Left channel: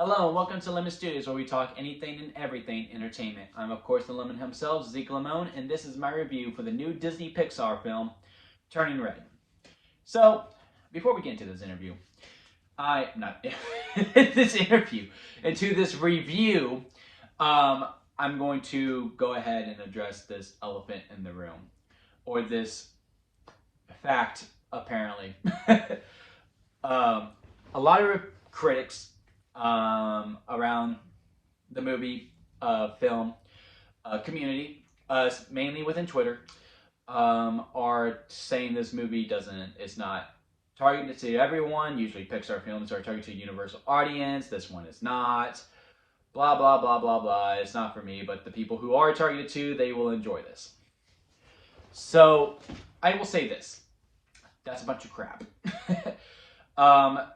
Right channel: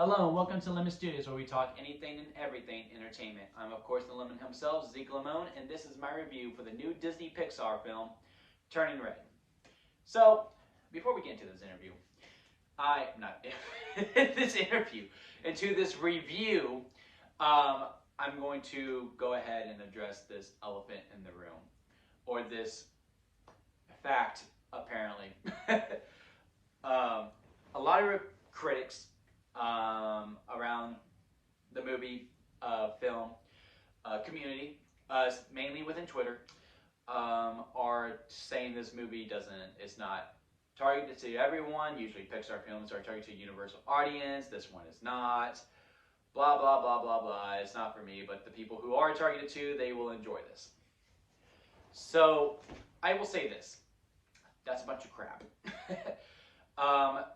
Hello and welcome to Lemon Studios, where we talk anything and everything entertainment. I'm of course the Lemon himself, Zeke Lemon, and this is my review for the new Disney Pixar film, Turning Red. So, before we get into this interview, into this review, I'm going to go ahead and address this elephant in the room, or this fact, apparently. A lot of critics around the movie film community, mainly within Twitter, are saying this movie it's not targeted to everyone. Usually Pixar films are targeted to a universal audience. This one is not. Blah, blah, blah, blah, blah. It's not for me, but the people who are targeted to, they will enjoy this. So, I will say this. That's a bunch of crap.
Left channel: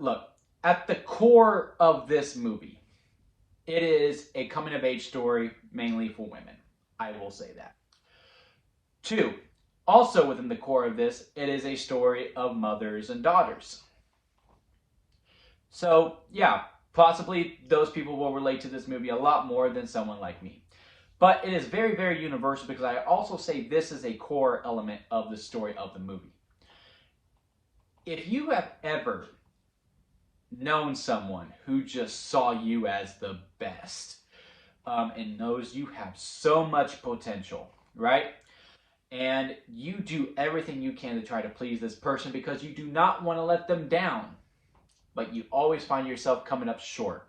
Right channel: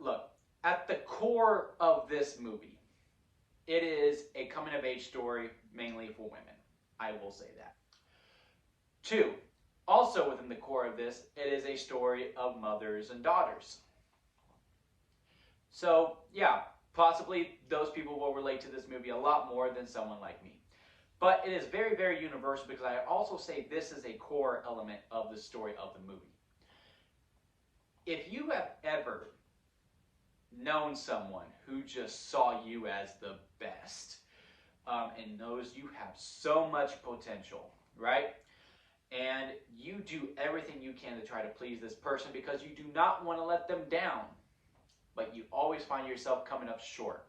Look, at the core of this movie, it is a coming-of-age story mainly for women. I will say that. 2, also within the core of this, it is a story of mothers and daughters. So, yeah, possibly those people will relate to this movie a lot more than someone like me. But it is very, very universal because I also say this is a core element of the story of the movie. If you have ever known someone who just saw you as the best and knows you have so much potential, right? And you do everything you can to try to please this person because you do not want to let them down, but you always find yourself coming up short.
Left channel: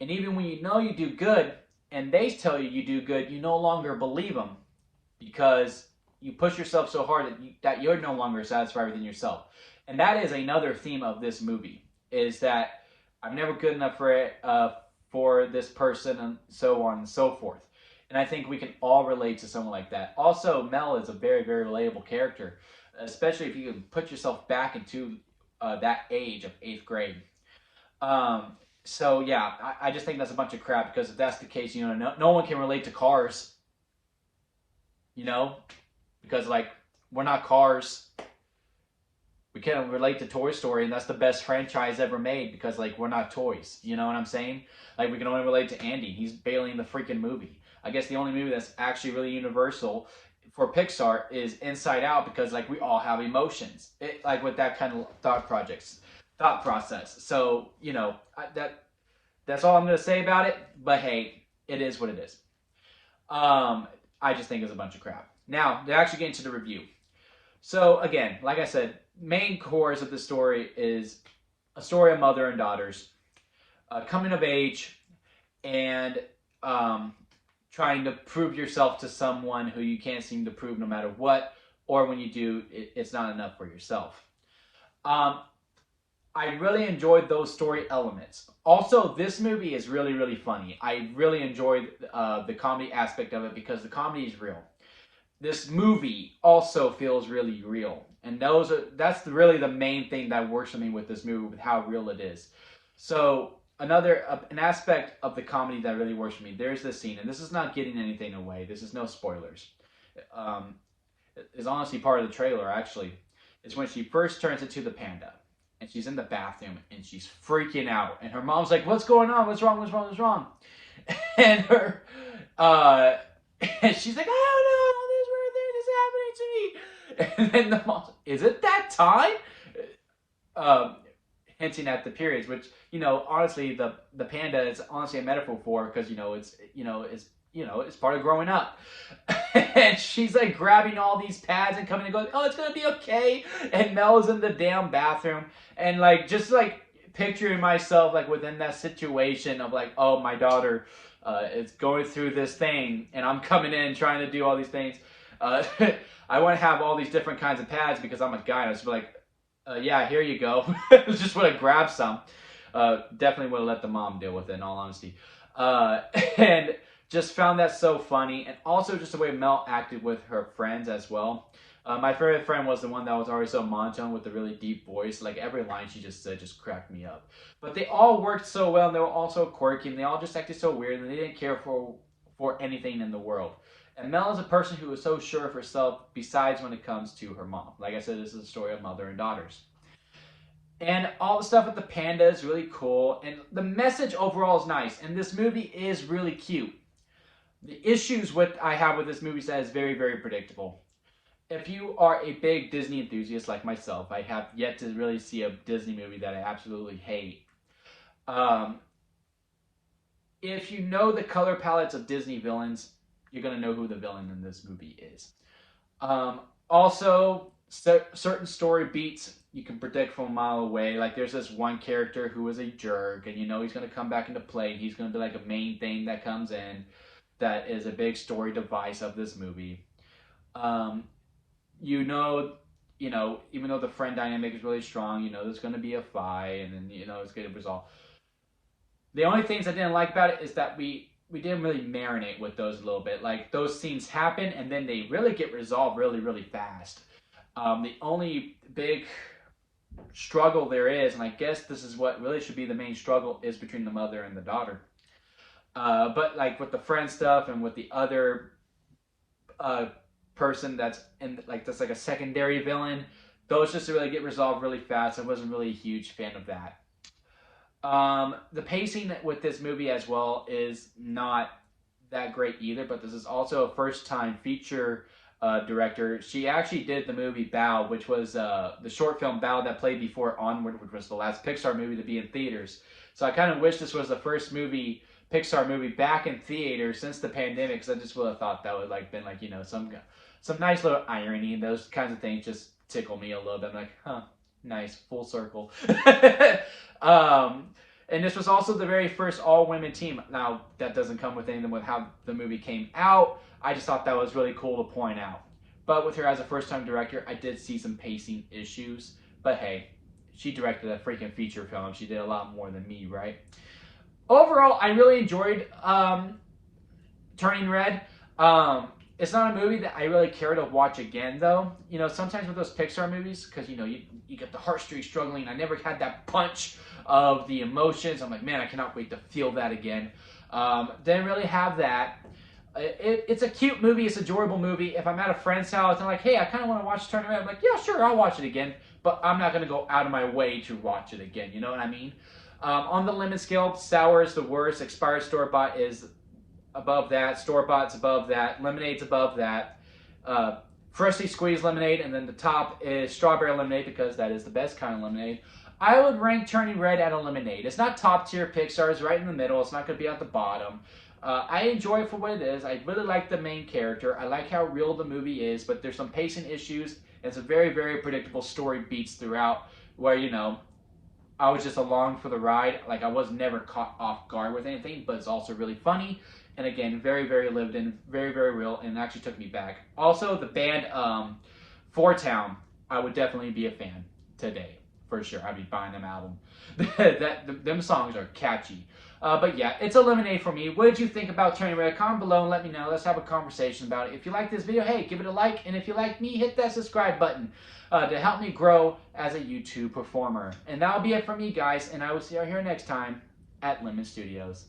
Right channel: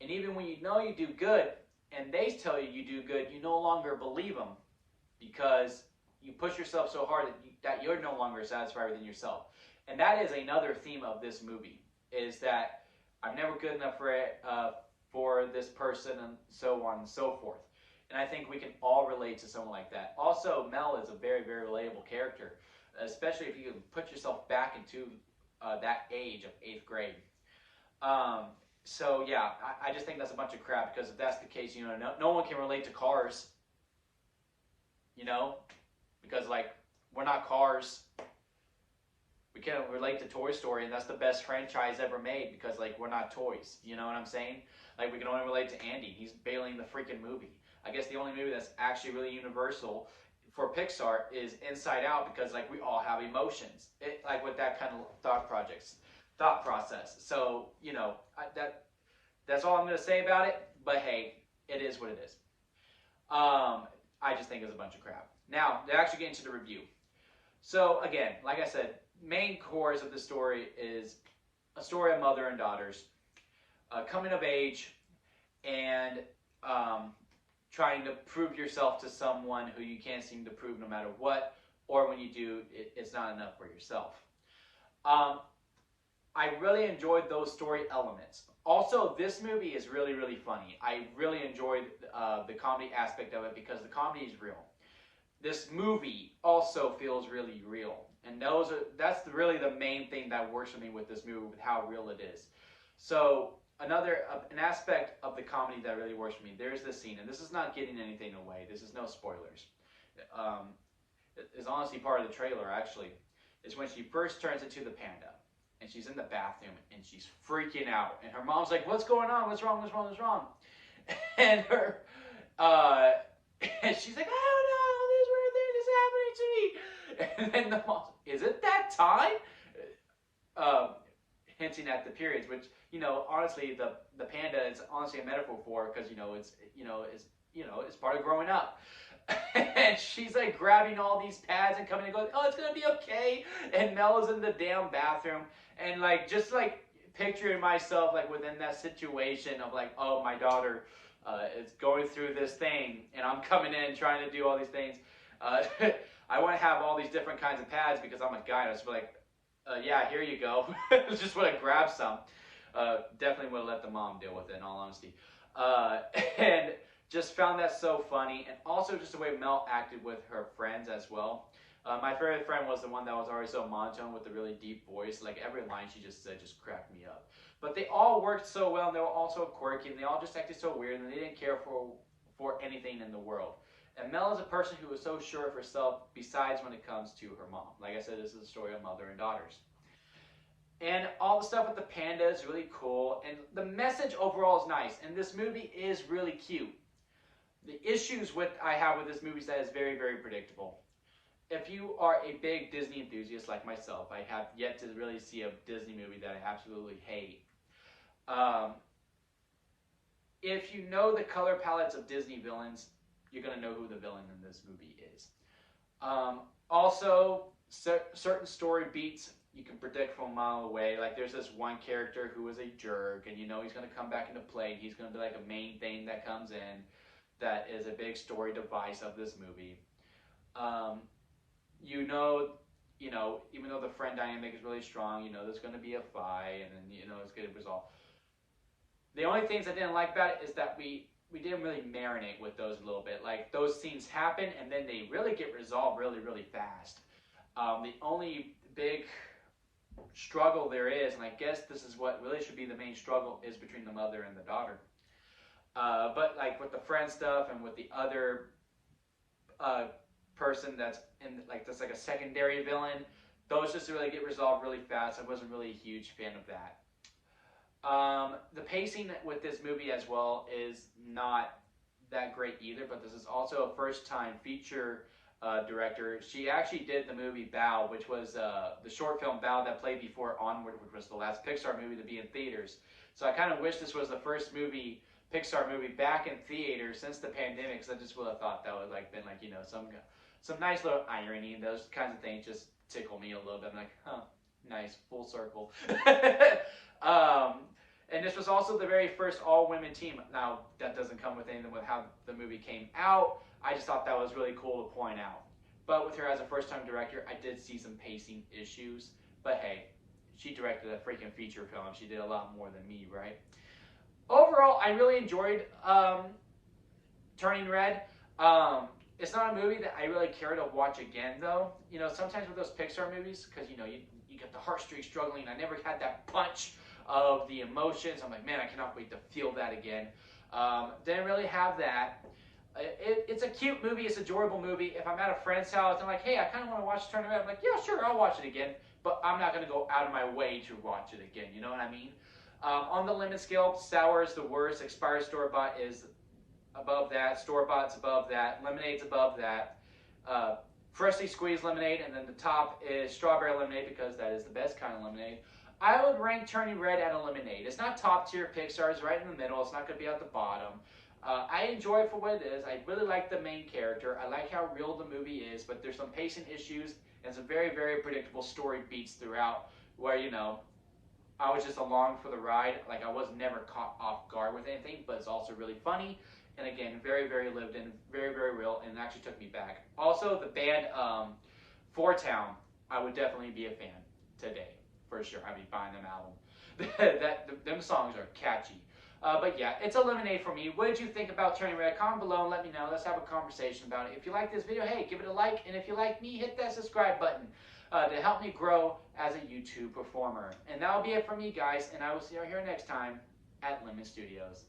And even when you know you do good and they tell you do good, you no longer believe them because you push yourself so hard that you're no longer satisfied within yourself. And that is another theme of this movie, is that I'm never good enough for this person, and so on and so forth. And I think we can all relate to someone like that. Also, Mel is a very, very relatable character, especially if you can put yourself back into that age of 8th grade. So yeah, I just think that's a bunch of crap because if that's the case, no one can relate to Cars. Because we're not Cars. We can't relate to Toy Story, and that's the best franchise ever made because we're not toys. You know what I'm saying? We can only relate to Andy. He's bailing the freaking movie. I guess the only movie that's actually really universal for Pixar is Inside Out because we all have emotions. With that kind of thought process. So that's all I'm gonna say about it. But hey, it is what it is. I just think it's a bunch of crap. Now to actually get into the review. So again, like I said, main cores of the story is a story of mother and daughters coming of age and trying to prove yourself to someone who you can't seem to prove no matter what, or when you do, it's not enough for yourself. I really enjoyed those story elements. Also, this movie is really, really funny. I really enjoyed the comedy aspect of it because the comedy is real. This movie also feels really real. And that's really the main thing that works for me with this movie, with how real it is. So an aspect of the comedy that really works for me, there's this scene, and this is not getting anything away. This is no spoilers. It's honestly part of the trailer, actually. It's when she first turns into the panda. And she's in the bathroom, and she's freaking out. And her mom's like, what's going on? What's wrong? What's wrong? What's wrong? And and she's like, I don't know, all this weird thing is happening to me. And then the mom's like, is it that time? Hinting at the periods, which, honestly, the panda is honestly a metaphor for, because, it's part of growing up. And she's grabbing all these pads and coming and going, oh, it's gonna be okay. And Mel's in the damn bathroom, and just picturing myself within that situation of oh, my daughter is going through this thing, and I'm coming in trying to do all these things. I want to have all these different kinds of pads because I'm a guy, and I just be yeah, here you go. Just want to grab some. Definitely would have let the mom deal with it, in all honesty. And just found that so funny, and also just the way Mel acted with her friends as well. My favorite friend was the one that was always so monotone with a really deep voice. Every line she just said just cracked me up. But they all worked so well, and they were all so quirky, and they all just acted so weird, and they didn't care for anything in the world. And Mel is a person who is so sure of herself, besides when it comes to her mom. Like I said, this is a story of mother and daughters. And all the stuff with the panda is really cool. And the message overall is nice. And this movie is really cute. The issues with I have with this movie is that it's very, very predictable. If you are a big Disney enthusiast like myself, I have yet to really see a Disney movie that I absolutely hate. Um, if you know the color palettes of Disney villains, you're gonna know who the villain in this movie is. Also, certain story beats you can predict from a mile away. Like there's this one character who is a jerk, and you know he's gonna come back into play. And he's gonna be like a main thing that comes in, that is a big story device of this movie. Um, you know, even though the friend dynamic is really strong, you know there's gonna be a fight, and then you know it's gonna resolve. The only things I didn't like about it is that we didn't really marinate with those a little bit. Like those scenes happen and then they really get resolved really really fast. The only big struggle there is, and I guess this is what really should be the main struggle, is between the mother and the daughter. But like with the friend stuff and with the other uh, person that's in that's like a secondary villain, those just really get resolved really fast. I wasn't really a huge fan of that. The pacing with this movie as well is not that great either, but this is also a first time feature director. She actually did the movie Bow, which was the short film Bow that played before Onward, which was the last Pixar movie to be in theaters. So I kind of wish this was the first Pixar movie back in theaters since the pandemic, because I just would have thought that would been some nice little irony, and those kinds of things just tickle me a little bit. I'm like, huh, nice, full circle. And this was also the very first all-women team. Now, that doesn't come with anything with how the movie came out. I just thought that was really cool to point out. But with her as a first-time director, I did see some pacing issues. But hey, she directed a freaking feature film. She did a lot more than me, right? Overall, I really enjoyed Turning Red. It's not a movie that I really care to watch again, though. You know, sometimes with those Pixar movies, because, you get the heartstrings struggling. I never had that punch of the emotions. I'm like, man, I cannot wait to feel that again. Didn't really have that. It's a cute movie. It's an enjoyable movie. If I'm at a friend's house and I'm like, hey, I kind of want to watch Turning Red, I'm like, yeah, sure, I'll watch it again. But I'm not going to go out of my way to watch it again. You know what I mean? On the lemon scale, sour is the worst. Expired store-bought is above that. Store-bought's above that. Lemonade's above that. Freshly squeezed lemonade, and then the top is strawberry lemonade, because that is the best kind of lemonade. I would rank Turning Red at a lemonade. It's not top tier Pixar. It's right in the middle. It's not going to be at the bottom. I enjoy it for what it is. I really like the main character. I like how real the movie is, but there's some pacing issues, and some very, very predictable story beats throughout, where, I was just along for the ride. Like, I was never caught off guard with anything, but it's also really funny. And again, very, very lived in, very, very real, and it actually took me back. Also, the band Four Town, I would definitely be a fan today, for sure. I'd be buying them album. Them songs are catchy. But yeah, it's a lemonade for me. What did you think about Turning Red? Comment below and let me know. Let's have a conversation about it. If you like this video, hey, give it a like. And if you like me, hit that subscribe button to help me grow as a YouTube performer. And that'll be it for me, guys. And I will see you here next time at Lemon Studios.